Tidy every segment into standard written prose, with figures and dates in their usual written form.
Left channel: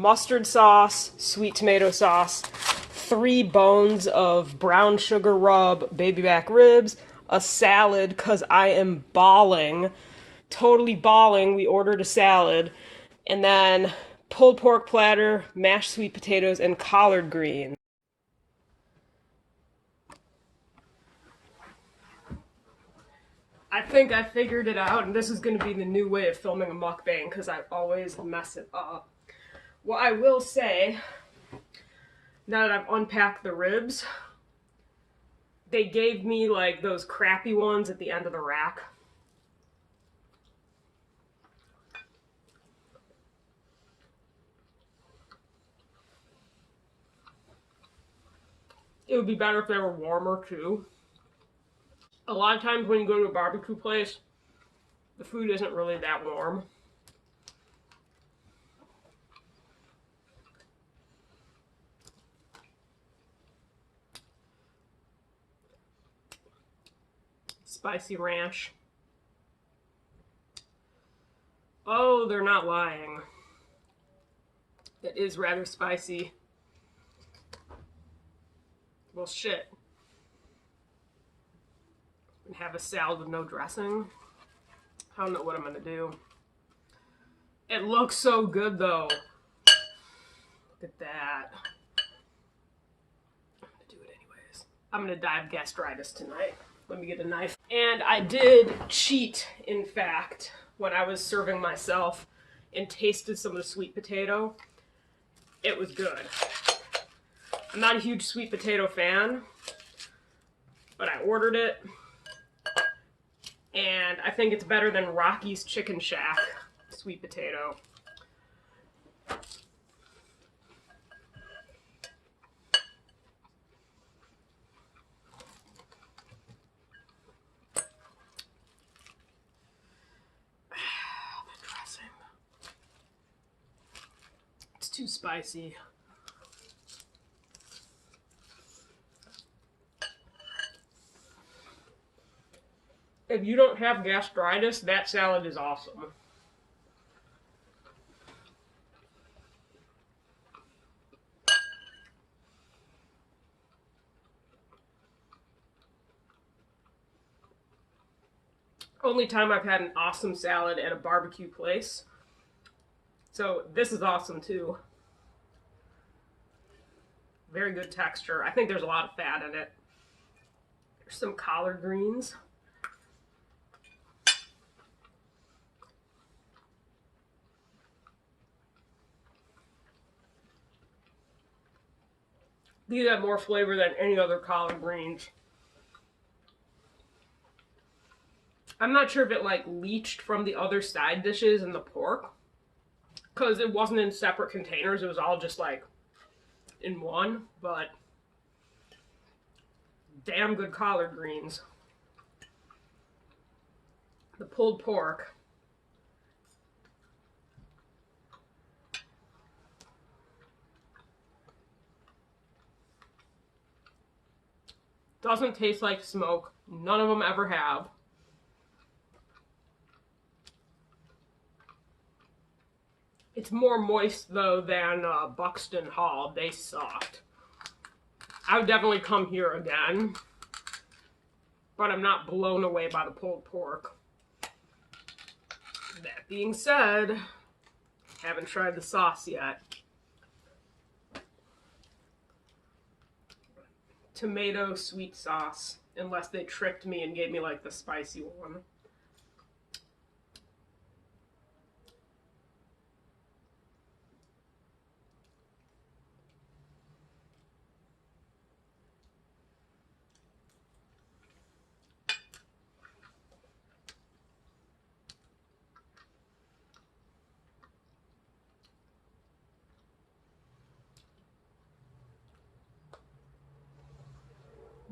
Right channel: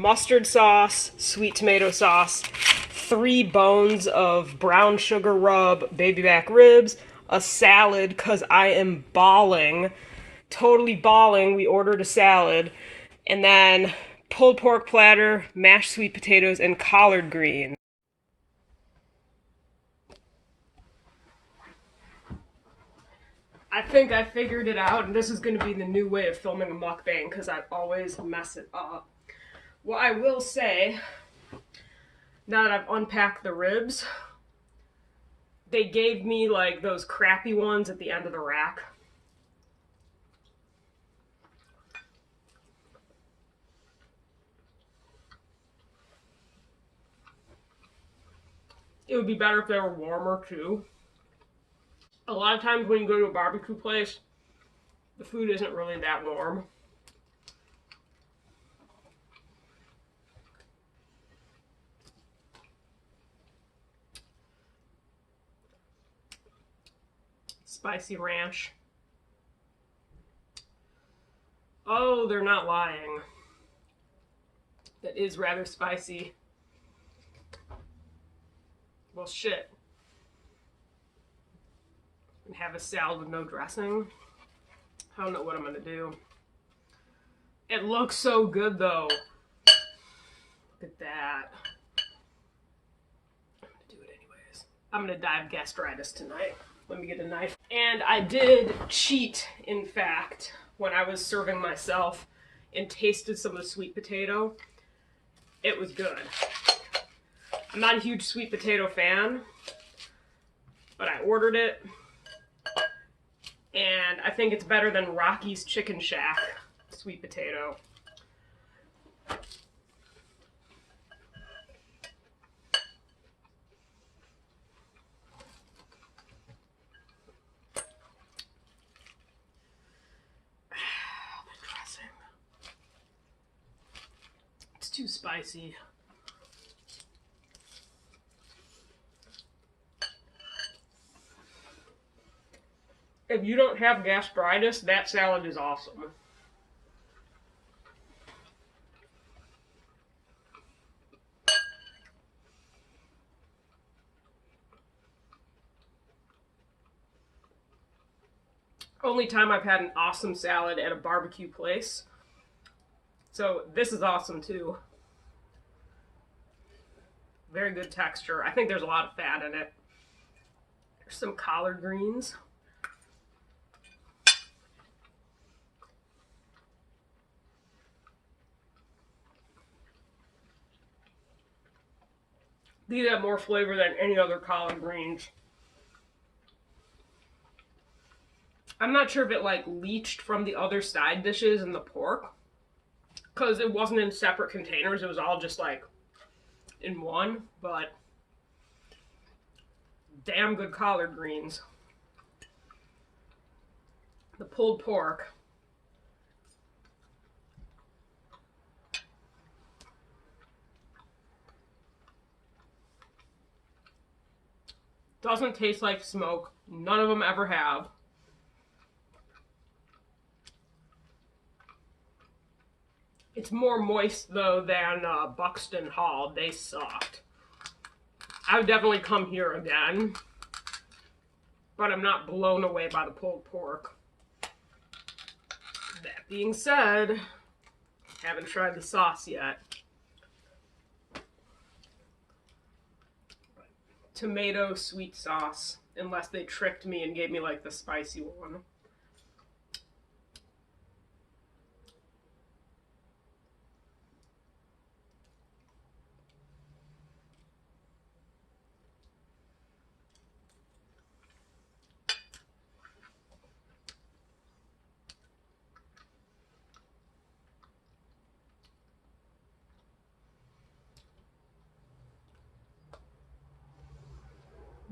mustard sauce, sweet tomato sauce, 3 bones of brown sugar rub baby back ribs, a salad because I am bawling, totally bawling. We ordered a salad, and then pulled pork platter, mashed sweet potatoes, and collard greens. I think I figured it out, and this is going to be the new way of filming a mukbang because I always mess it up. What I will say, now that I've unpacked the ribs, they gave me like those crappy ones at the end of the rack. It would be better if they were warmer too. A lot of times when you go to a barbecue place, the food isn't really that warm. Spicy ranch. Oh, they're not lying. That is rather spicy. Well, shit. And have a salad with no dressing. I don't know what I'm gonna do. It looks so good though. Look at that. I'm gonna do it anyways. I'm gonna die of gastritis tonight. Let me get a knife. And I did cheat, in fact, when I was serving myself and tasted some of the sweet potato. It was good. I'm not a huge sweet potato fan, but I ordered it, and I think it's better than Rocky's Chicken Shack sweet potato. The dressing. It's too spicy. If you don't have gastritis, that salad is awesome. Only time I've had an awesome salad at a barbecue place. So this is awesome too. Very good texture. I think there's a lot of fat in it. There's some collard greens. These have more flavor than any other collard greens. I'm not sure if it like leached from the other side dishes and the pork, because it wasn't in separate containers. It was all just like in one, but damn good collard greens. The pulled pork. Doesn't taste like smoke. None of them ever have. It's more moist though than Buxton Hall. They sucked. I would definitely come here again, but I'm not blown away by the pulled pork. That being said, haven't tried the sauce yet. Tomato sweet sauce, unless they tricked me and gave me like the spicy one.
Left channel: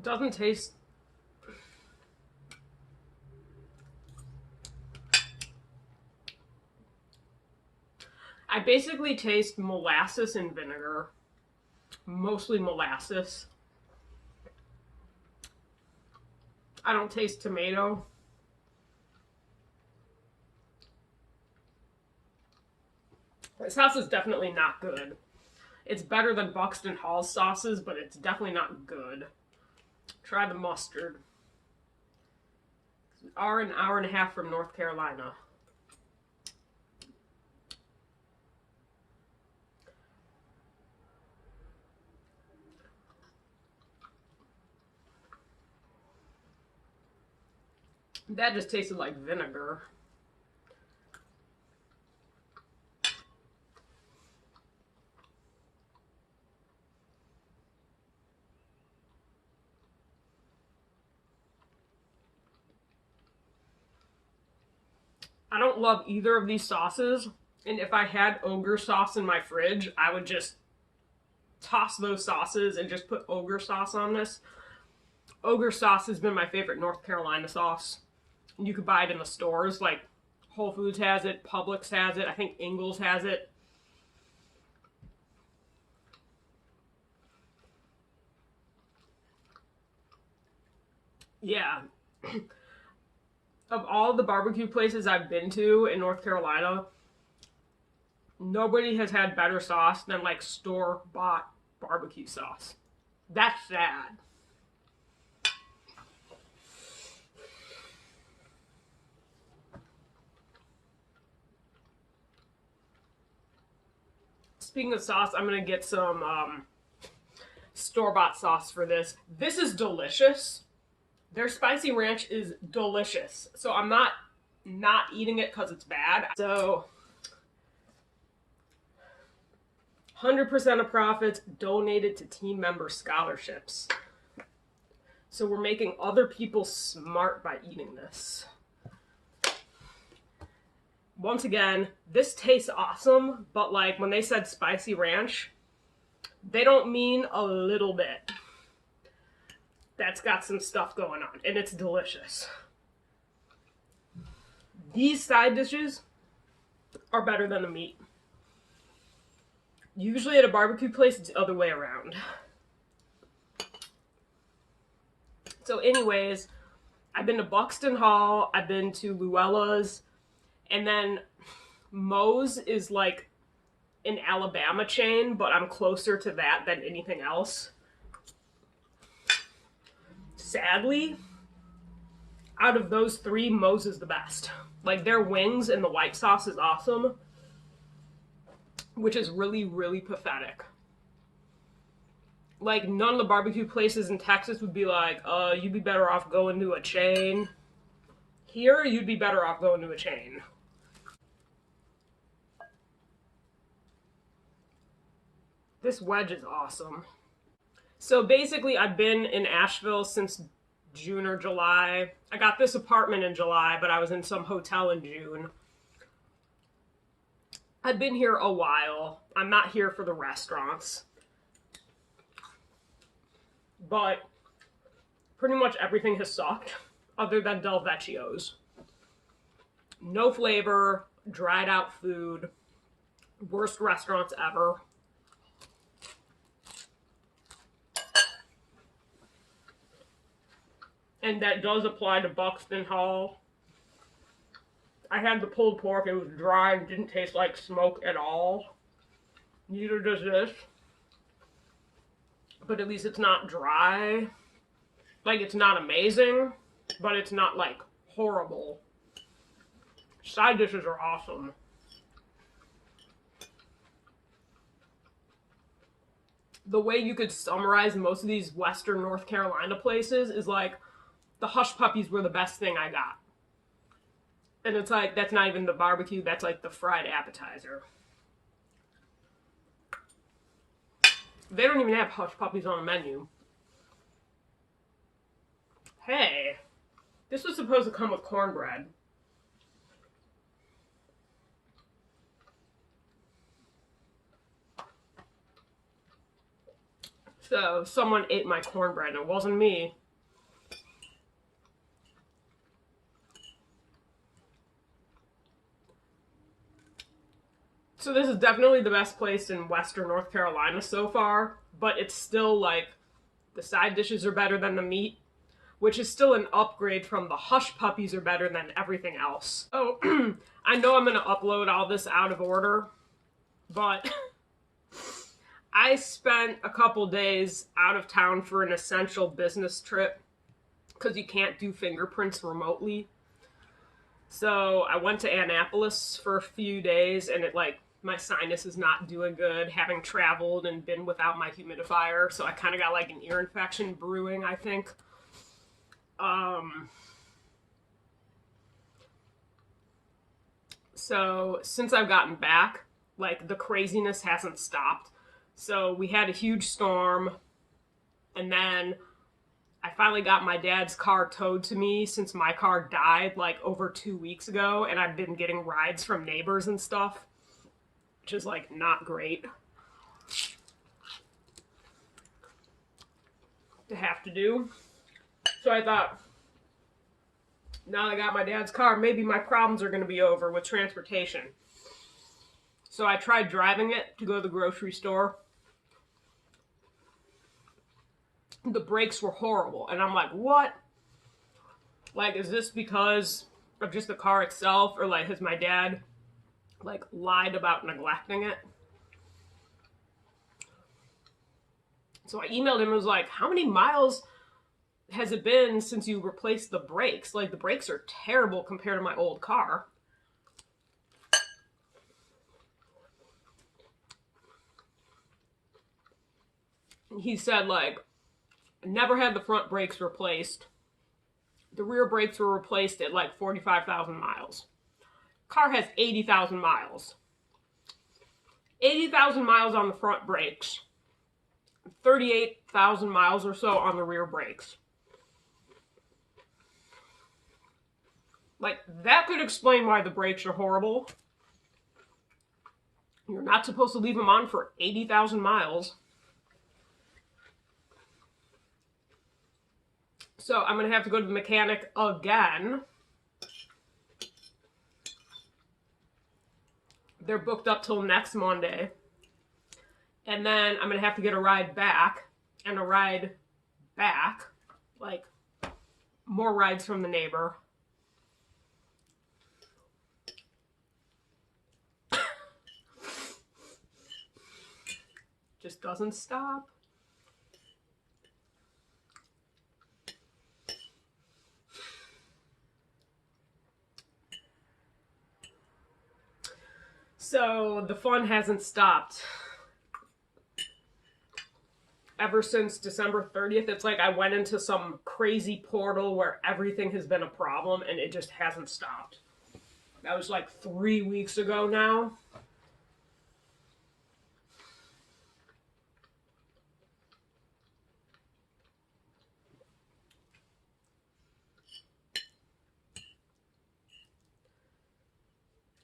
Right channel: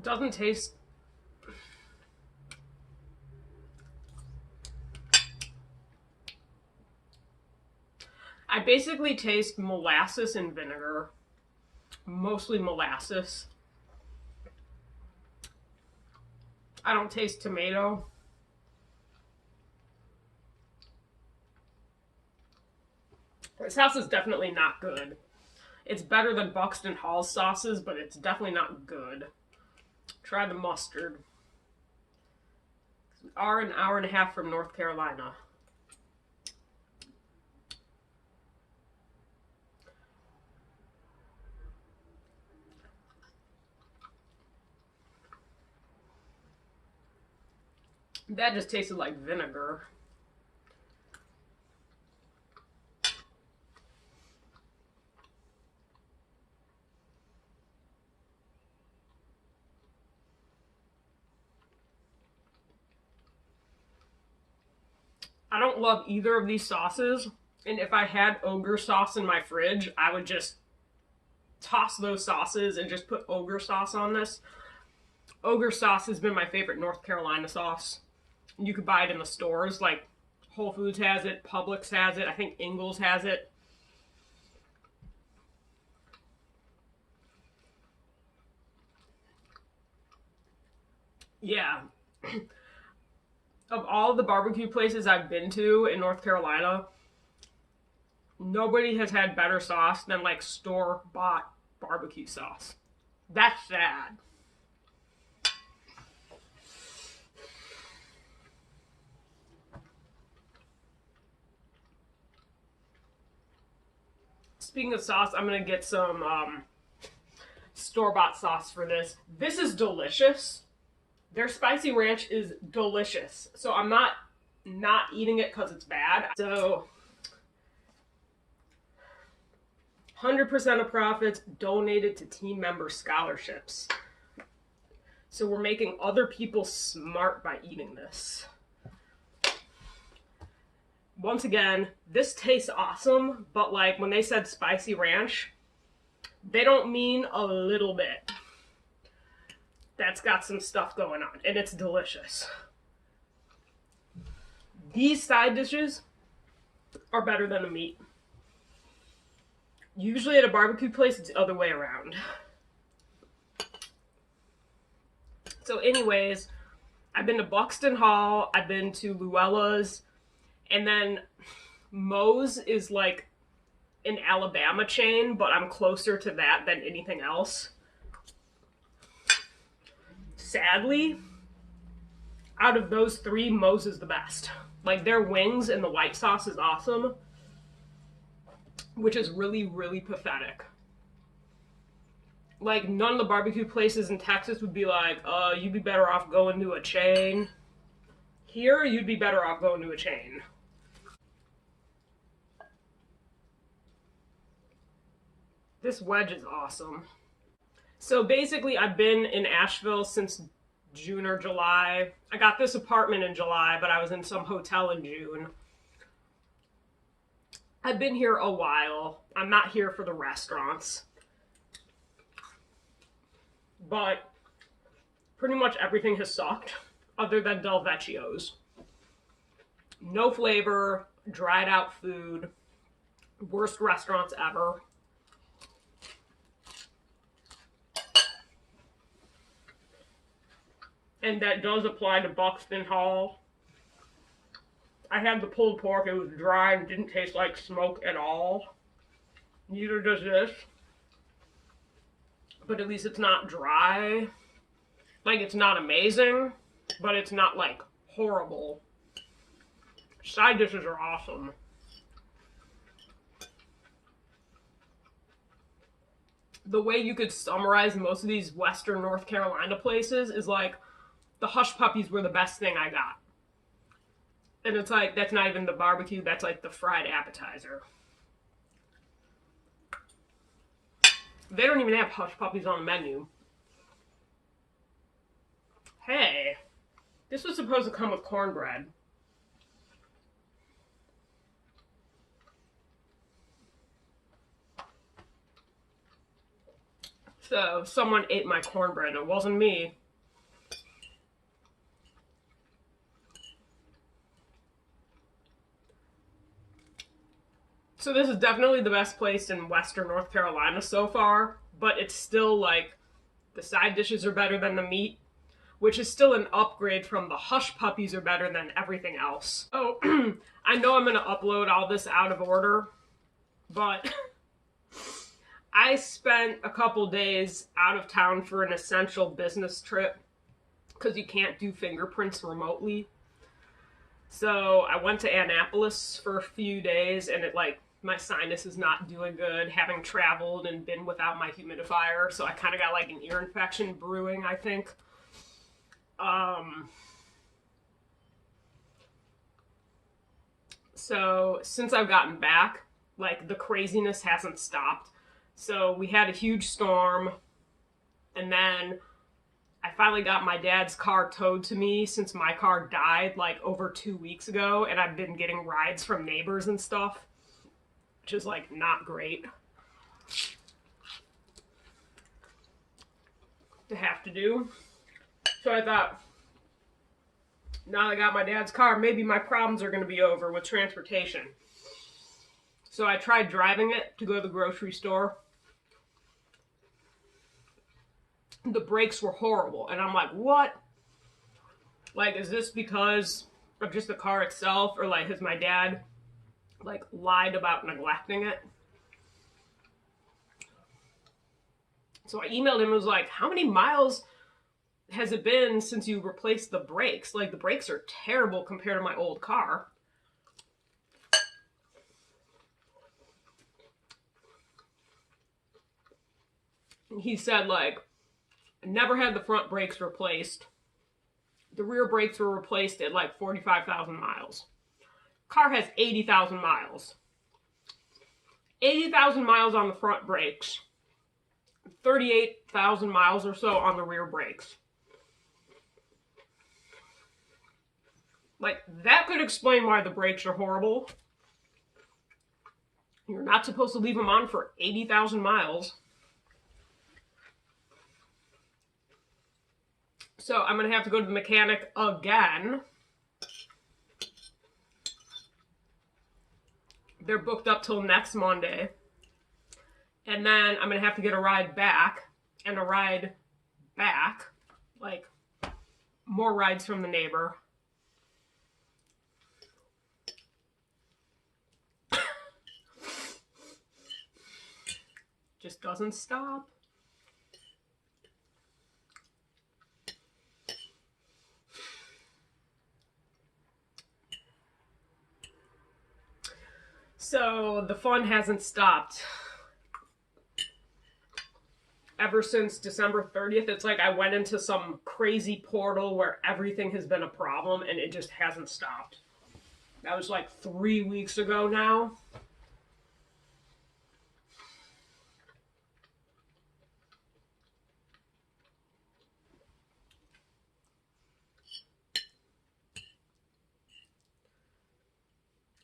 Doesn't taste. I basically taste molasses and vinegar. Mostly molasses. I don't taste tomato. The sauce is definitely not good. It's better than Buxton Hall's sauces, but it's definitely not good. Try the mustard. We are an hour and a half from North Carolina. That just tasted like vinegar. I don't love either of these sauces, and if I had ogre sauce in my fridge, I would just toss those sauces and just put ogre sauce on this. Ogre sauce has been my favorite North Carolina sauce. You could buy it in the stores, like Whole Foods has it, Publix has it, I think Ingles has it. Yeah. Of all the barbecue places I've been to in North Carolina, nobody has had better sauce than like store-bought barbecue sauce. That's sad. Speaking of sauce, I'm gonna get some store-bought sauce for this. This is delicious. Their spicy ranch is delicious. So I'm not eating it because it's bad. So 100% of profits donated to team member scholarships. So we're making other people smart by eating this. Once again, this tastes awesome, but like when they said spicy ranch, they don't mean a little bit. That's got some stuff going on, and it's delicious. These side dishes are better than the meat. Usually at a barbecue place, it's the other way around. So anyways, I've been to Buxton Hall, I've been to Luella's, and then Moe's is like an Alabama chain, but I'm closer to that than anything else. Sadly, out of those three, Moe's is the best. Like, their wings and the white sauce is awesome, which is really, really pathetic. Like, none of the barbecue places in Texas would be like, you'd be better off going to a chain. Here, you'd be better off going to a chain. This wedge is awesome. So basically, I've been in Asheville since June or July. I got this apartment in July, but I was in some hotel in June. I've been here a while. I'm not here for the restaurants. But pretty much everything has sucked, other than Del Vecchio's. No flavor, dried out food, worst restaurants ever. And that does apply to Buxton Hall. I had the pulled pork, it was dry and didn't taste like smoke at all. Neither does this. But at least it's not dry. Like, it's not amazing, but it's not like horrible. Side dishes are awesome. The way you could summarize most of these Western North Carolina places is like, the hush puppies were the best thing I got. And it's like, that's not even the barbecue, that's like the fried appetizer. They don't even have hush puppies on the menu. Hey, this was supposed to come with cornbread. So, someone ate my cornbread, and it wasn't me. So this is definitely the best place in Western North Carolina so far, but it's still like, the side dishes are better than the meat, which is still an upgrade from the hush puppies are better than everything else. Oh, I know I'm going to upload all this out of order, But I spent a couple days out of town for an essential business trip because you can't do fingerprints remotely. So I went to Annapolis for a few days, and my sinus is not doing good, having traveled and been without my humidifier. So I kind of got like an ear infection brewing, I think. So since I've gotten back, like the craziness hasn't stopped. So we had a huge storm, and then I finally got my dad's car towed to me since my car died like over 2 weeks ago, and I've been getting rides from neighbors and stuff, which is like not great to have to do. So I thought, now that I got my dad's car, maybe my problems are going to be over with transportation. So I tried driving it to go to the grocery store. The brakes were horrible, and I'm like, what? Like, is this because of just the car itself, or like has my dad like lied about neglecting it? So I emailed him and was like, how many miles has it been since you replaced the brakes? Like, the brakes are terrible compared to my old car. He said, like, never had the front brakes replaced. The rear brakes were replaced at like 45,000 miles. Car has 80,000 miles. 80,000 miles on the front brakes. 38,000 miles or so on the rear brakes. Like, that could explain why the brakes are horrible. You're not supposed to leave them on for 80,000 miles. So I'm going to have to go to the mechanic again. They're booked up till next Monday. And then I'm going to have to get a ride back. And a ride back. Like, more rides from the neighbor. Just doesn't stop. So the fun hasn't stopped ever since December 30th. It's like I went into some crazy portal where everything has been a problem and it just hasn't stopped. That was like 3 weeks ago now.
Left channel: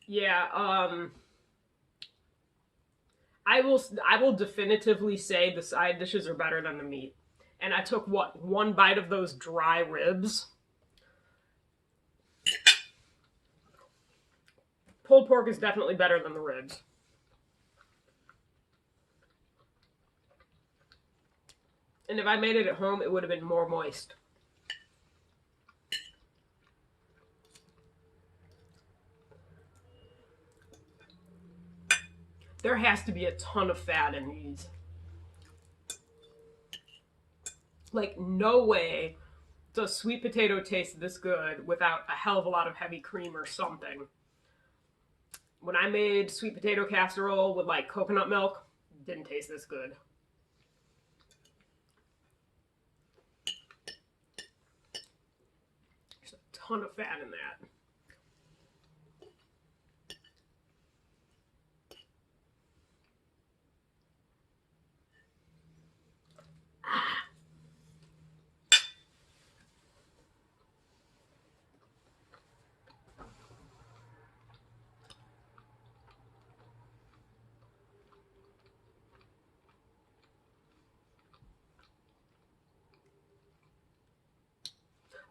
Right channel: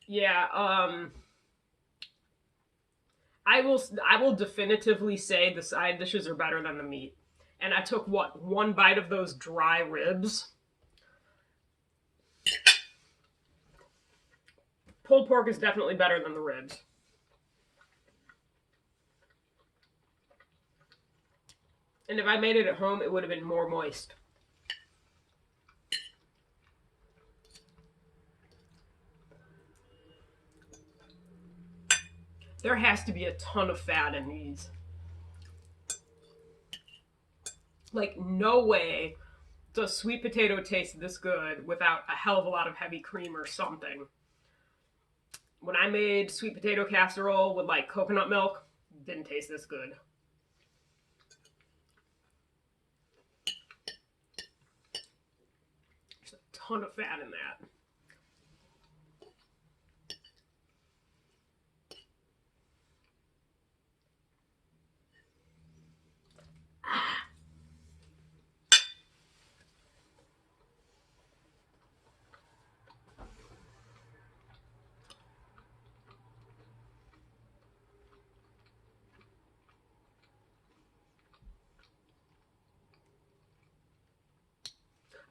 Yeah, I will definitively say the side dishes are better than the meat. And I took, what, one bite of those dry ribs. Pulled pork is definitely better than the ribs. And if I made it at home, it would have been more moist. There has to be a ton of fat in these. Like, no way does sweet potato taste this good without a hell of a lot of heavy cream or something. When I made sweet potato casserole with like coconut milk, it didn't taste this good. There's a ton of fat in that.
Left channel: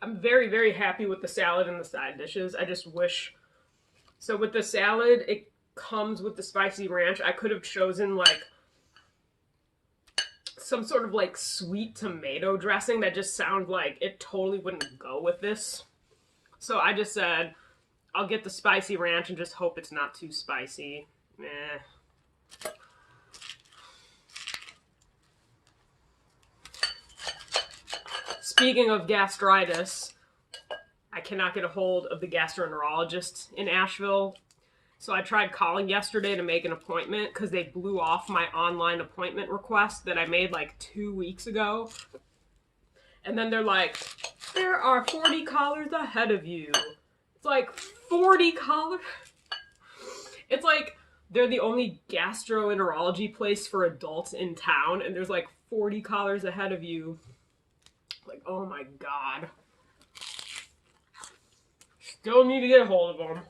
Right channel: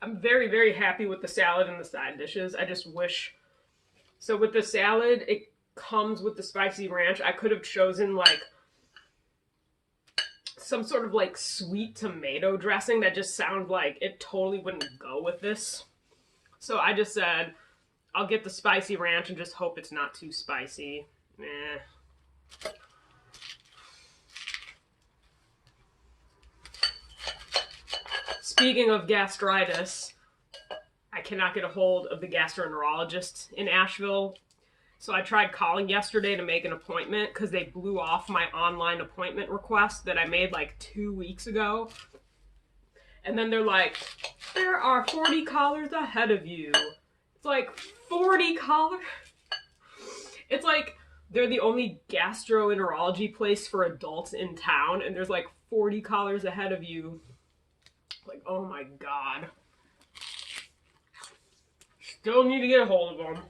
I'm very, very happy with the salad and the side dishes. I just wish... So with the salad, it comes with the spicy ranch. I could have chosen like some sort of like sweet tomato dressing that just sounds like it totally wouldn't go with this. So I just said, I'll get the spicy ranch and just hope it's not too spicy. Eh. Speaking of gastritis, I cannot get a hold of the gastroenterologist in Asheville. So I tried calling yesterday to make an appointment because they blew off my online appointment request that I made like 2 weeks ago. And then they're like, there are 40 callers ahead of you. It's like, 40 callers? It's like, they're the only gastroenterology place for adults in town, and there's like 40 callers ahead of you. Like, oh my god. Still need to get a hold of them.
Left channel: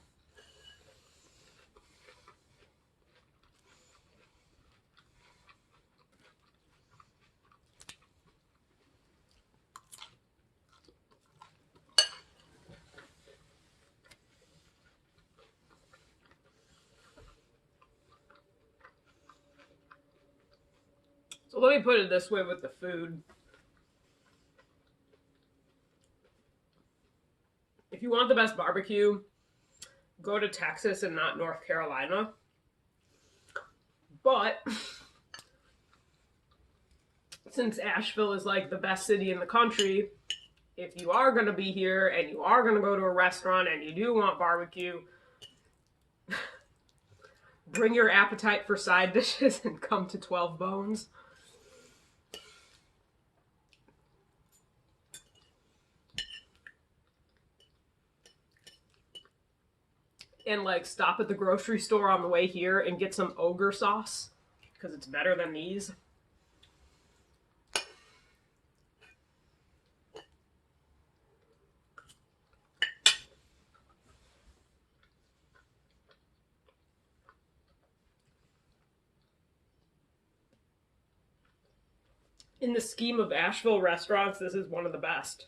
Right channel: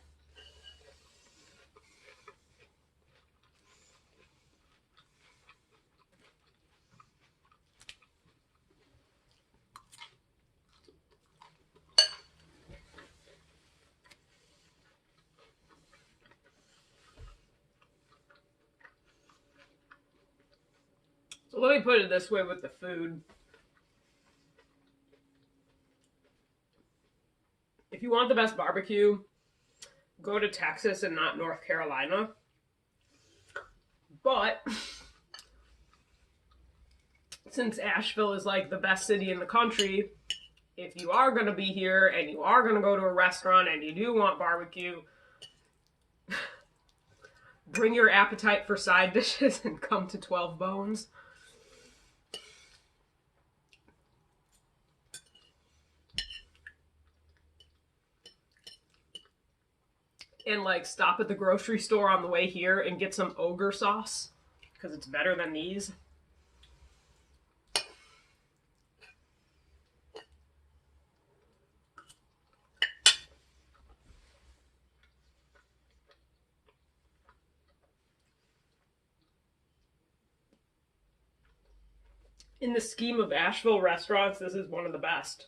So let me put it this way with the food. If you want the best barbecue, go to Texas and not North Carolina. But since Asheville is like the best city in the country, if you are going to be here and you are going to go to a restaurant and you do want barbecue, bring your appetite for side dishes and come to 12 Bones. And like stop at the grocery store on the way here and get some ogre sauce because it's better than these. In the scheme of Asheville restaurants, this is one of the best.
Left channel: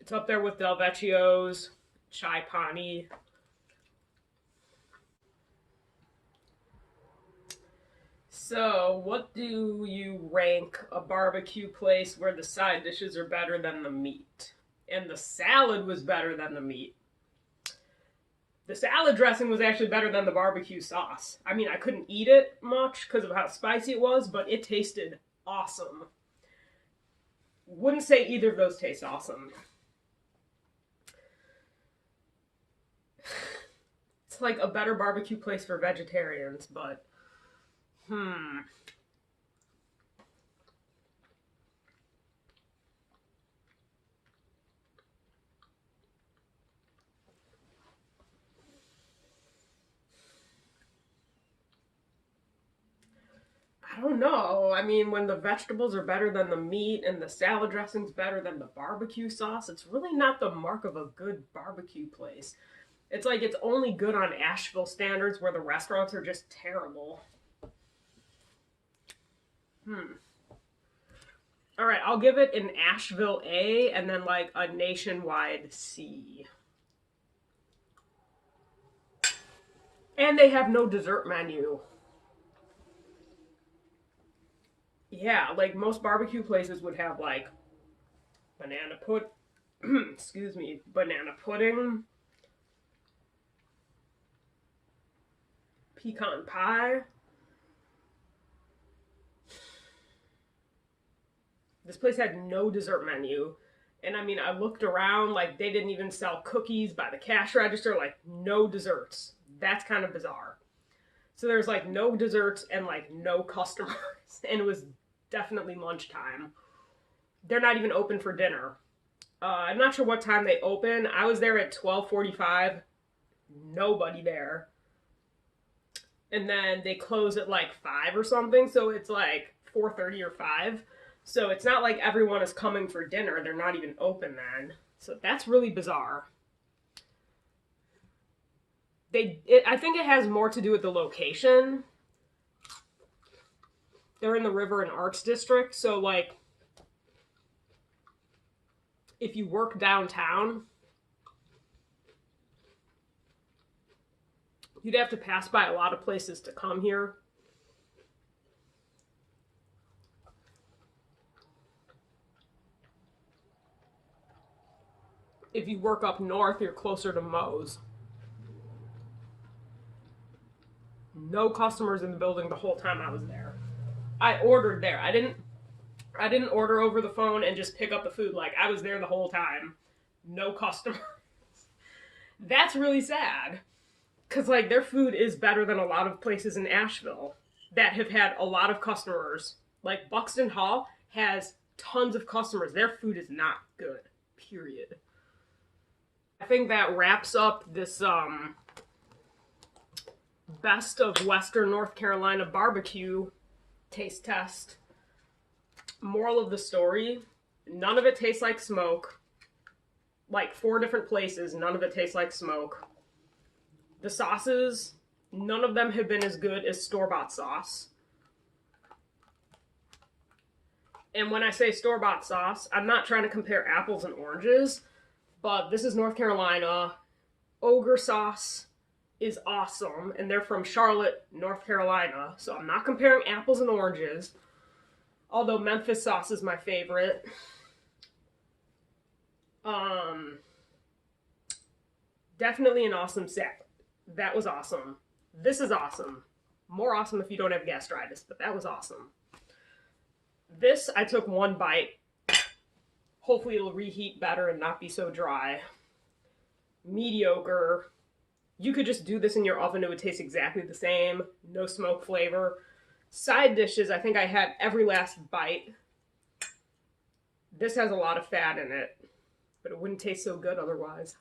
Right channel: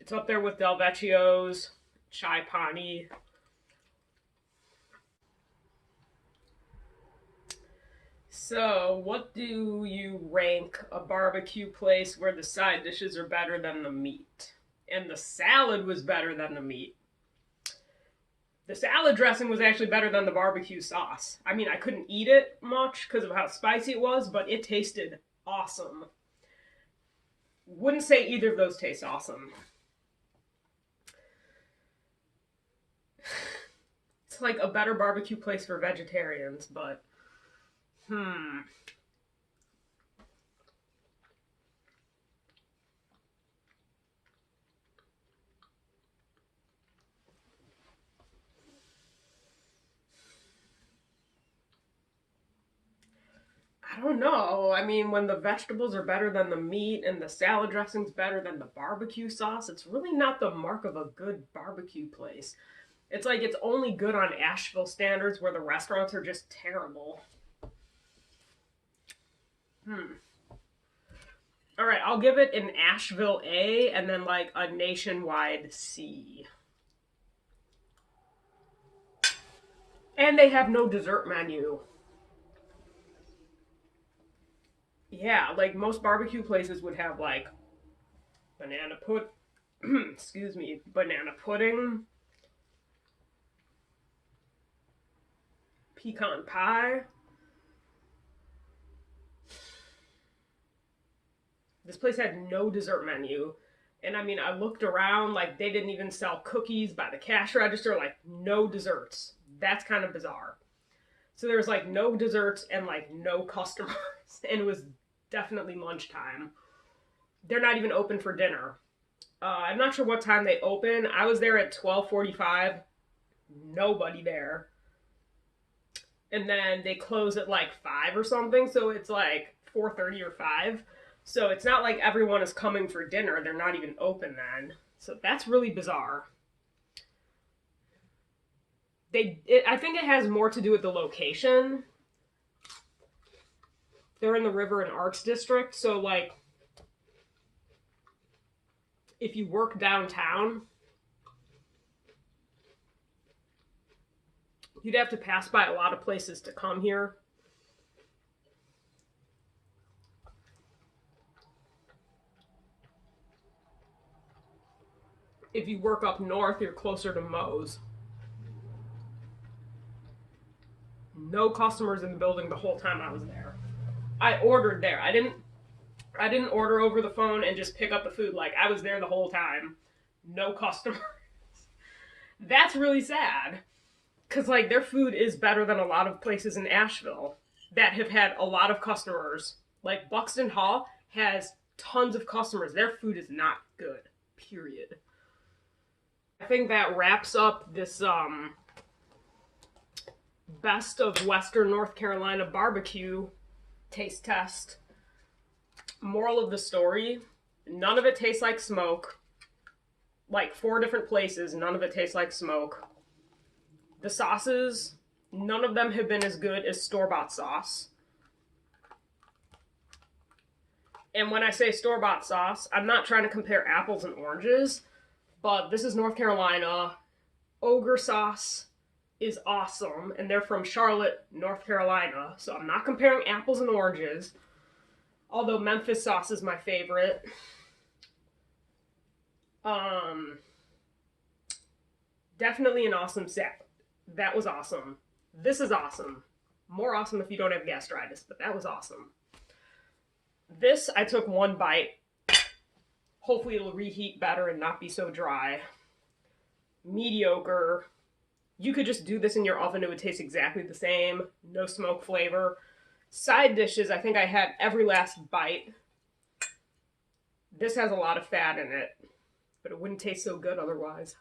It's up there with Del Vecchio's, Chai Pani. So, what do you rank a barbecue place where the side dishes are better than the meat? And the salad was better than the meat. The salad dressing was actually better than the barbecue sauce. I mean, I couldn't eat it much because of how spicy it was, but it tasted awesome. Wouldn't say either of those taste awesome. It's like a better barbecue place for vegetarians, but I don't know. I mean, when the vegetables are better than the meat and the salad dressing's better than the barbecue sauce, it's really not the mark of a good barbecue place. It's like it's only good on Asheville standards where the restaurants are just terrible. All right, I'll give it an Asheville A and then like a nationwide C. And they have no dessert menu. Yeah, like most barbecue places would have like banana pudding, pecan pie. This place had no dessert menu. And I mean, I looked around, like they didn't even sell cookies by the cash register, like no desserts. That's kind of bizarre. So there's like no desserts and like no customers. And it was definitely lunchtime. They're not even open for dinner. I'm not sure what time they open. I was there at 12:45. Nobody there. And then they close at like 5 or something. So it's like 4:30 or 5. So it's not like everyone is coming for dinner. They're not even open then. So that's really bizarre. I think it has more to do with the location. They're in the River and Arts District. So like, if you work downtown, you'd have to pass by a lot of places to come here. If you work up north, you're closer to Moe's. No customers in the building the whole time I was there. I ordered there. I didn't order over the phone and just pick up the food. Like, I was there the whole time. No customers. That's really sad. Because, like, their food is better than a lot of places in Asheville that have had a lot of customers. Like, Buxton Hall has tons of customers. Their food is not good. Period. I think that wraps up this, best of Western North Carolina barbecue taste test. Moral of the story, none of it tastes like smoke. Like 4 different places, none of it tastes like smoke. The sauces, none of them have been as good as store-bought sauce. And when I say store-bought sauce, I'm not trying to compare apples and oranges, but this is North Carolina. Ogre sauce is awesome, and they're from Charlotte, North Carolina, so I'm not comparing apples and oranges, although Memphis sauce is my favorite. Definitely an awesome set. That was awesome. This is awesome. More awesome if you don't have gastritis, but that was awesome. This, I took 1 bite. Hopefully it'll reheat better and not be so dry. Mediocre. You could just do this in your oven. It would taste exactly the same. No smoke flavor. Side dishes, I think I had every last bite. This has a lot of fat in it, but it wouldn't taste so good otherwise.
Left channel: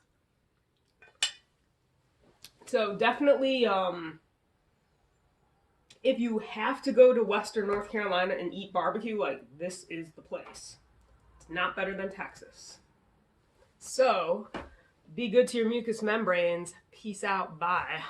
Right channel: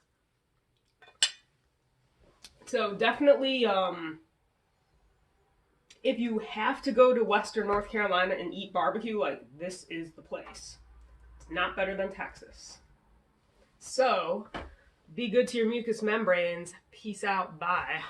So definitely, if you have to go to Western North Carolina and eat barbecue, like, this is the place. It's not better than Texas. So, be good to your mucous membranes. Peace out. Bye.